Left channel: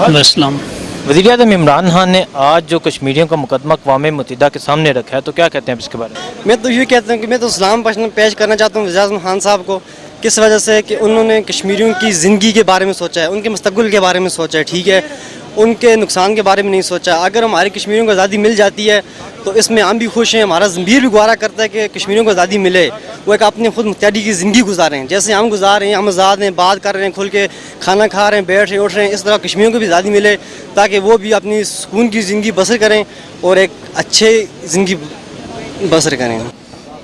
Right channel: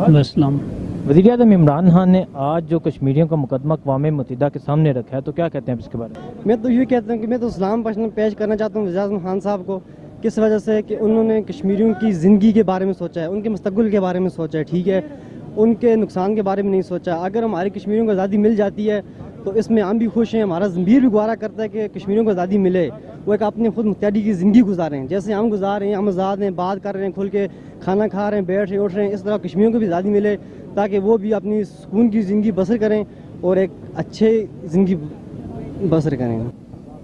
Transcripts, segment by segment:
السلام۔ वज़ीर आज़म इमरान खान ने आज जो कश्मीरियों का मुकदमा अक़वाम मुत्तहिदा के सामने रखा है, तो क्या कहते हैं आप इसके बारे में? मैं तो ये कहता हूँ कि मैं तो सलाम पेश करना चाहता हूँ वज़ीर आज़म खान साहब को, किस वजह से कि उन्होंने कश्मीरियों की ज़िंदगी के बारे में सोचा है, उनके मुस्तक़बिल के बारे में सोचा है, ठीक है, उनके नुकसान के बारे में नहीं सोचा। अगर हमारी कश्मीरियों को आज़ादी मिल जाती है तो इसमें हम भी खुश हैं, हमारा ज़मीर भी गुजारा करता है कि कश्मीरियों को आज़ादी मिले, वो एक अपने खुद मुख्तियारी की ज़िंदगी गुजारें, जैसे हम गुजार रहे हैं, हम आज़ाद हैं, बात कर रहे हैं, खुल के खाना खा रहे हैं, बैठ रहे हैं, उठ रहे हैं, इस तरह कश्मीरियों को भी आज़ादी मिले ताकि वो भी अपनी सुकून की ज़िंदगी बसर करें और एक अच्छे ज़िंदगी बसर करें।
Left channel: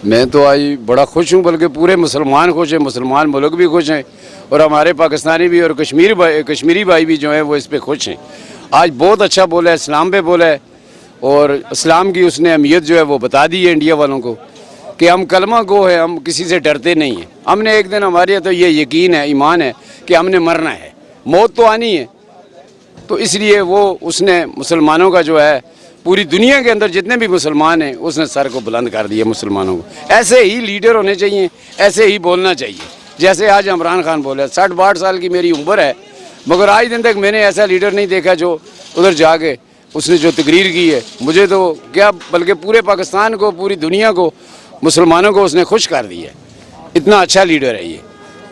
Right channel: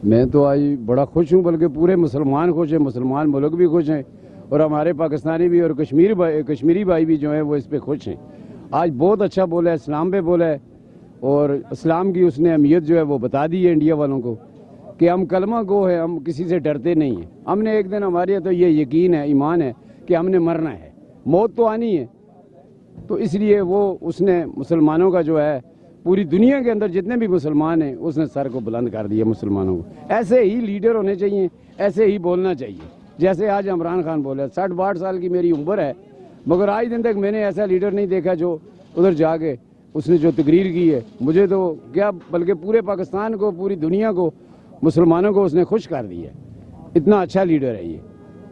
मैं तो आज बड़ा खुश हूँ, बल्कि पूरे मुसलमान खुश हैं, मुसलमान मुल्क भी खुश हैं और हमारे पाकिस्तानी भी और कश्मीरी भाई भी जो हैं वो इस पर खुश हैं। आज बहुत अच्छा बोला है, इस्लाम पे बोला है और इस्लाम की उसने अहमियत जो है वो बता दी है इंडिया वालों को कि हम कलमा गो है, हम किसी से डरते नहीं हैं। हमने एक दिन, हमारे तो ये यकीन है, ईमान है कि हमने मरना है, मौत तो आनी है, तो इसलिए वो उसने मुसलमानों का जो है पूरी दुनिया के अंदर जितने भी मुसलमान हैं उसने सर को बुलंद कर दिया मुसलमानों को। ऐसे ही लीडर होने चाहिए, ऐसे ही बोलना चाहिए, जैसे आज इमरान खान बोले। 60-62 साल की मेरी उम्र है, मगर आज दिन तक मैंने ऐसा लीडर नहीं देखा जो उधर जाके उसने जो तकरीर की है, मुझे तो क्या बल्कि पूरे पाकिस्तान को, पूरी दुनिया को, मुसलमानों को उसने खुश कर दिया। इतना अच्छा लीडर है ये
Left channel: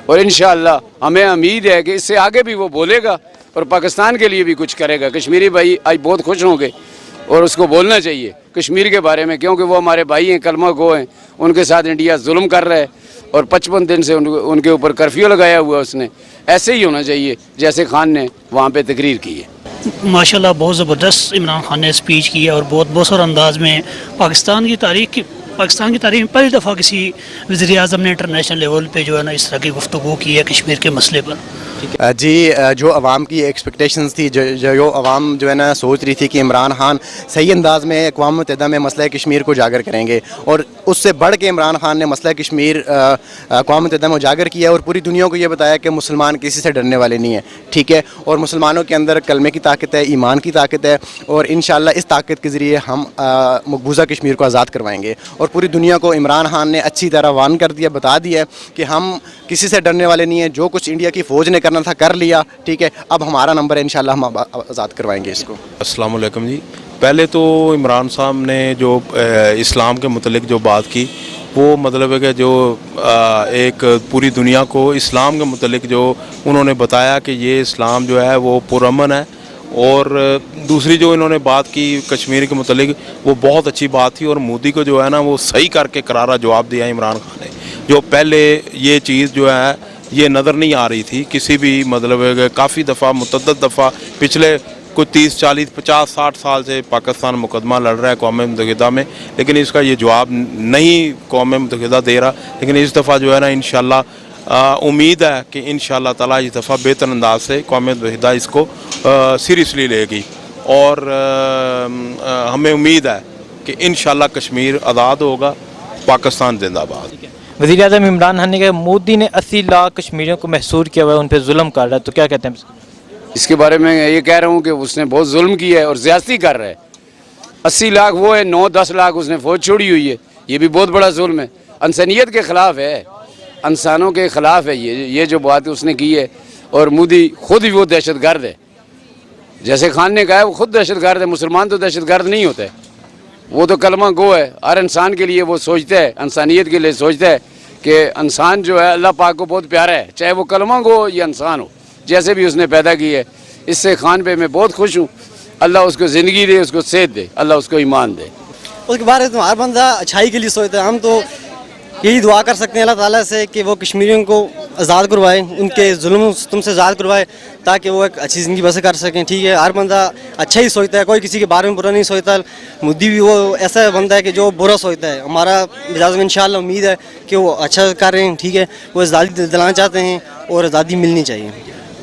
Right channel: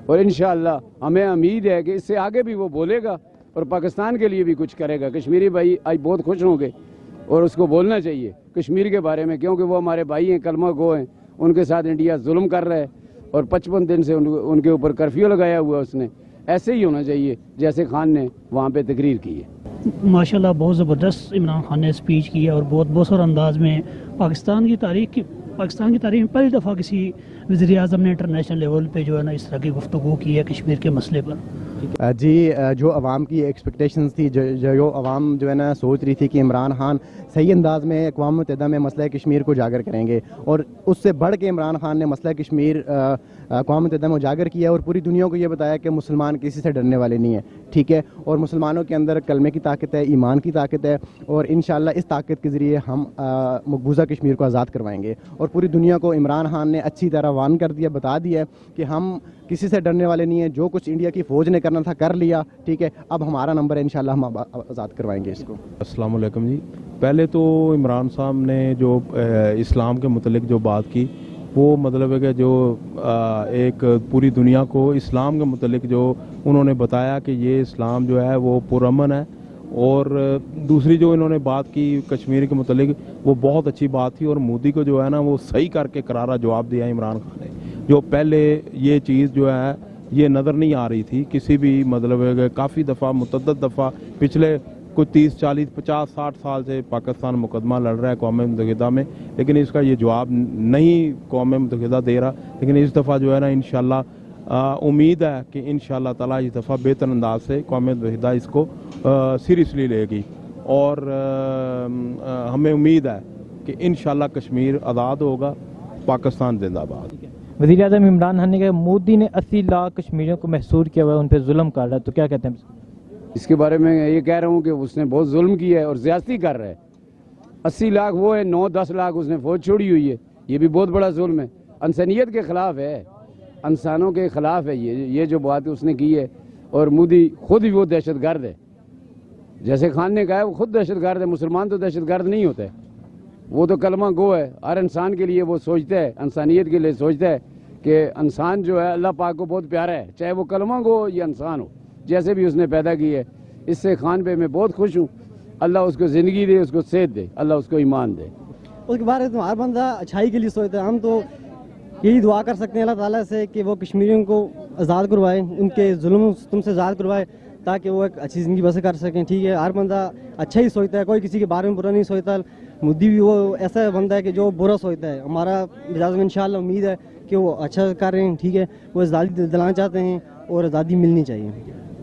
और इंशाअल्लाह हमें उम्मीद है कि इससे आगे भी वो बोलेगा और पाकिस्तान के लिए भी कुछ करेगा। कश्मीरी भाई आज बहुत खुश होंगे और उसको बोलना चाहिए कश्मीर के बारे में, क्योंकि वो हमारे भाई हैं, कलमा गो हैं, उनके साथ इंडिया जुल्म कर रहा है और 55 दिन से उनके ऊपर कर्फ्यू लगाया हुआ उसने। ऐसे ही होना चाहिए जैसे खान ने वहाँ पे तकरीर की है। माशाल्लाह बहुत ज़बरदस्त इमरान खान ने स्पीच की है और बहुत बसर अंदाज में पाकिस्तान की तारीख में पहली दफ़ा किसी वज़ीर आज़म ने इंटरनेशनल लेवल पे जो है ना इस तरह की गुफ्तगू की है कश्मीर के मसले पर। जी, जो आवाम की एक्सपेक्टेशंस थी, जो आवाम जो है ना सोच रही थी कि इमरान खान सही अंदाज़ में अक़वाम मुत्तहिदा में मसला कश्मीर को उजागर करेंगे और उससे बढ़ के इमरान खान ने मसला कश्मीर अक़वाम मुत्तहिदा में उजागर किया और पूरी दुनिया को ये बताया कि मुसलमान किसी से डरने वाले नहीं है, ठीक है, और मुसलमानों के अंदर कलमे की ताकत है, ईमान की ताकत है और इंशाअल्लाह इस ताकत के ज़रिए हम मकबूजा कश्मीर को आज़ाद करवाएंगे। और पूरी दुनिया को इमरान खान ने अच्छी तरह वार्न कर दिया, बता दिया कि हम किसी से डरने वाले नहीं हैं, जो कुछ इंडिया की फ़ौज ने करना था कर लिया, ठीक है, अब हमारा नंबर है, इंशाल्लाह हम आज़ाद करवाएंगे इसको। अस्सलाम वालेकुम जी। पहले तो इमरान साहब ने जो इस्लाम के मुतल्लिक जो बात की, वो मतलब है कि जो एक पूरी दुनिया को इस्लाम के मुतल्लिक जो उन्होंने बताया कि ये इस्लाम जो है वो पुरअमन है। और दूसरी जो इन्होंने बात की कश्मीर के मुतल्लिक, वो बहुत अच्छी बात थी और मोदी को जो है ना वो सही करके करारा जवाब दिया इमरान खान ने। जो पहले ये चीज़ जो है ये नज़र नहीं आ रही थी किसी भी, मतलब काफ़ी दफ़ा मुतअद्दिद दफ़ा पिछले कुछ 30, 40, 50, 60 साल से पाकिस्तान मुकदमा लड़ रहा है कौम मुत्तहिदा में, लेकिन इसका ये जवाब नहीं कौम मुत्तहिदा दे रहा। लेकिन इस दफ़ा जो है ना इंशाअल्लाह उम्मीद है कि इंशाअल्लाह ताला इस दफ़ा बेहतर अंदाज से कौम मुत्तहिदा इसको सीरियसली लेगी और हमें उम्मीद है कि इंशाअल्लाह कश्मीर आज़ाद होगा, पाकिस्तान जिंदाबाद। वज़ीर आज़म इमरान खान ने कहा मोदी ने 80 लाख कश्मीरियों को महसूर किया हुआ है, उन पर जुल्म कर रहा है, तो क्या कहते हैं? इसके बारे में ये कह रहा हूँ कि उसने बहुत जुल्म किया है और ज़्यादती कर रहा है। 80 लाख वो है, 9-10 लाख उसने फ़ौज छोड़ी हुई है, ये भी बहुत बड़ा जुल्म है, इंसानियत के ख़िलाफ़ है, इंसानों के ख़िलाफ़ है ये जो बात उसने की है। और मोदी खुद ही वो दहशत गर्द है, जैसे खान ने कहा है वो खुद दहशत गर्द है। मुसलमान तो दहशत गर्द नहीं होते, वो तो कलमा गो है, हर इंसान के लिए वो सोचता है, इंसानियत के लिए सोचता है कि इंसान जो है अल्लाह पाक को बहुत प्यारा है, चाहे वो कलमा गो हो या इंसान हो, जैसे भी उसने पैदा की है। इससे खान पे मैं बहुत खुश हूँ, अल्लाह उसको ज़िंदगी दे, उसको सेहत दे, अल्लाह उसको ईमान दे। उसके बारे में तो हर बंदा अच्छाई के लिए सोचता है, हम तो यही दुआ कर सकते हैं अल्लाह ताला से कि वो कश्मीरियों को आज़ाद करवाए, उनके जुल्म तुमसे आज़ाद करवाए ताकि वो एक अच्छी ज़िंदगी बसर कर सकें, ठीक है। हर बंदा अच्छा ही सोचता है, कोई किसी के बारे में बुरा नहीं सोचता। मोदी भी वो ऐसा बंदा है कि जो बुरा सोचता है। हमारा मिजाज में इंशाअल्लाह उम्मीद है कि वो अच्छा कर रहे हैं, ठीक है, वो आज़ादी दिलाना चाहते हैं और आज़ादी मिलनी चाहिए।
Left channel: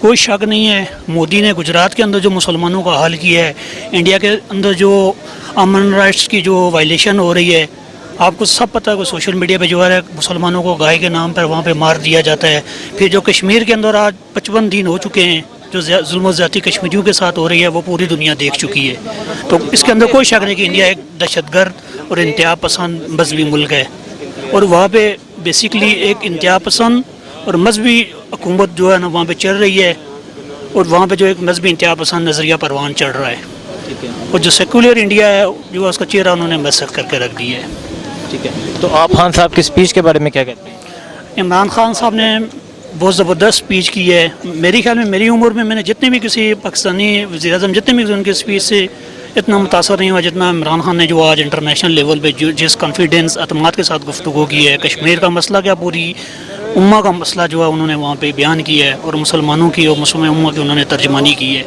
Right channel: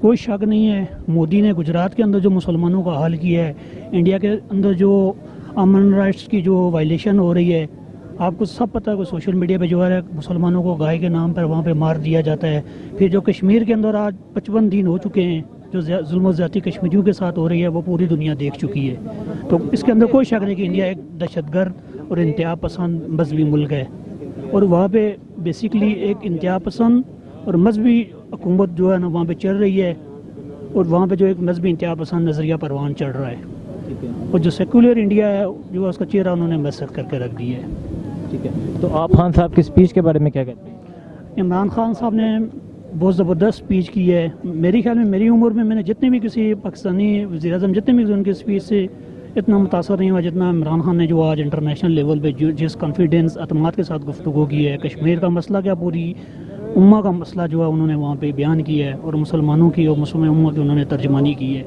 कोई शक नहीं है, मोदी ने गुजरात के अंदर जो मुसलमानों का हाल किया है, इंडिया के अंदर जो अमन राइट्स की जो वायलेशन हो रही है, आपको सब पता है कि सोशल मीडिया पे जो है मुसलमानों को गाय के नाम पर वहाँ पे मार दिया जाता है। फिर जो कश्मीर के अंदर आज 55 दिन हो चुके हैं जो जुल्म ज़्यादती कश्मीरियों के साथ हो रही है, वो पूरी दुनिया देख चुकी है। तो इसके अंदर कोई शक नहीं कि इंडिया एक दहशतगर्द और इंतहा पसंद मजहबी मुल्क है और वहाँ पे बेसिकली एक इंतहा पसंद और मजहबी हुकूमत जो है ना वहाँ पे चल रही है اور وہاں پہ جو ایک مذہبی انتہا پسند نظریہ پروان چڑھ رہا ہے، اور جو سیکولر انڈیا ہے جو اس کا چہرہ انہوں نے مسخ کر کے رکھ دیا ہے۔ ٹھیک ہے، تو آپ خان صاحب کی اسپیچ کے بارے میں کیا کہتے ہیں؟ عمران خان صاحب نے بہت زبردست اسپیچ کی ہے۔ میرے خیال میں میری عمر میں نے جتنے بھی کسی پاکستانی وزیر اعظم جتنے بھی ان کی اسپیچ سے اتنا متاثر نہیں ہوا جتنا عمران خان نے جو آج انٹرنیشنل لیول پہ جس کانفیڈنس اعتماد کے ساتھ گفتگو کی ہے، کشمیر کا مسئلہ کیا پوری امہ کا مسئلہ جو ہے انہوں نے وہاں پہ بیان کیا ہے، اور مسلمانوں کی اور مسلم امہ کی انہوں نے ترجمانی کی ہے۔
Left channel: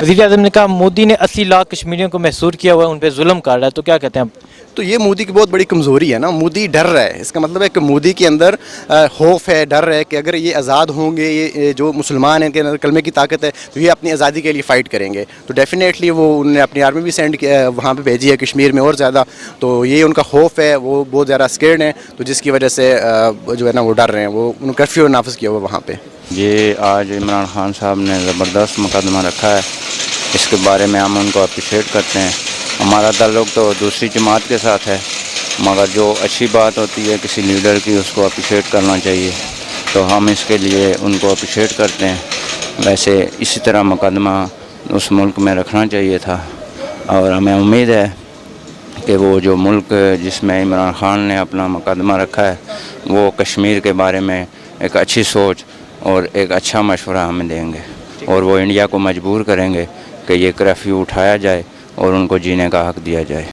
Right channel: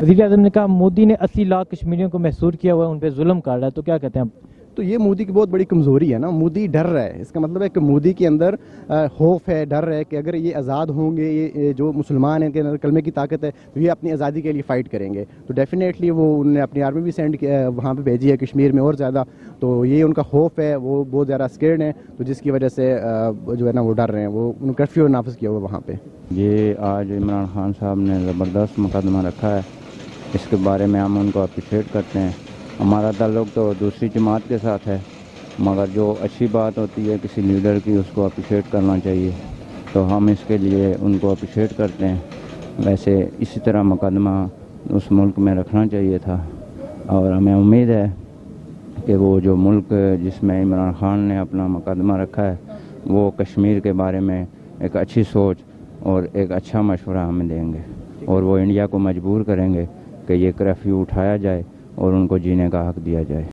وزیر اعظم نے کہا مودی نے 80 لاکھ کشمیریوں کو محصور کیا ہوا ہے، ان پہ ظلم کر رہا ہے، تو کیا کہتے ہیں آپ؟ تو یہ مودی کی بہت بڑی کمزوری ہے نا، مودی ڈر رہا ہے۔ اس کا مطلب ہے کہ مودی کے اندر خوف ہے، ڈر ہے کہ اگر یہ آزاد ہوں گے، یہ جو مسلمان ہیں کے اندر کلمے کی طاقت ہے، تو یہ اپنی آزادی کے لیے فائٹ کریں گے۔ تو ڈیفینیٹلی وہ انہوں نے اپنی آرمی بھی سینڈ کیا وہاں پہ بھیجی ہے کشمیر میں اور زیادہ، تو یہ ان کا خوف ہے، وہ بہت زیادہ اسکیئرڈ ہیں، تو جس کی وجہ سے جو ہے نا وہ ڈر رہے ہیں، وہ انہوں نے کرفیو نافذ کیا ہوا وہاں پہ۔ یہ آج عمران خان صاحب نے زبردست مقدمہ رکھا ہے، اس کے بارے میں ہم ان کو اپریشیٹ کرتے ہیں۔ ہمارا تعلق تو دوسری جماعت کے ساتھ ہے، مگر جو اچھی بات ہوتی ہے کسی لیڈر کی اس کو اپریشیٹ کرنا چاہیے، تو ہم اس کے لیے ان کو اپریشیٹ کرتے ہیں۔ ویسے اسی طرح مقدمہ اس ملک میں رکھنا چاہیے تھا، اور ہمیں امید ہے کہ وہ جو ملک جس میں عمران خان نے اپنا مقدمہ رکھا ہے وہ کشمیر کے بارے میں ایک اچھی سوچ اور ایک اچھا مشورہ ہمیں دیں گے، اور وہ انڈیا کو مجبور کریں گے کہ یہ کرفیو اٹھایا جائے اور ان کو جینے کا حق دیا جائے۔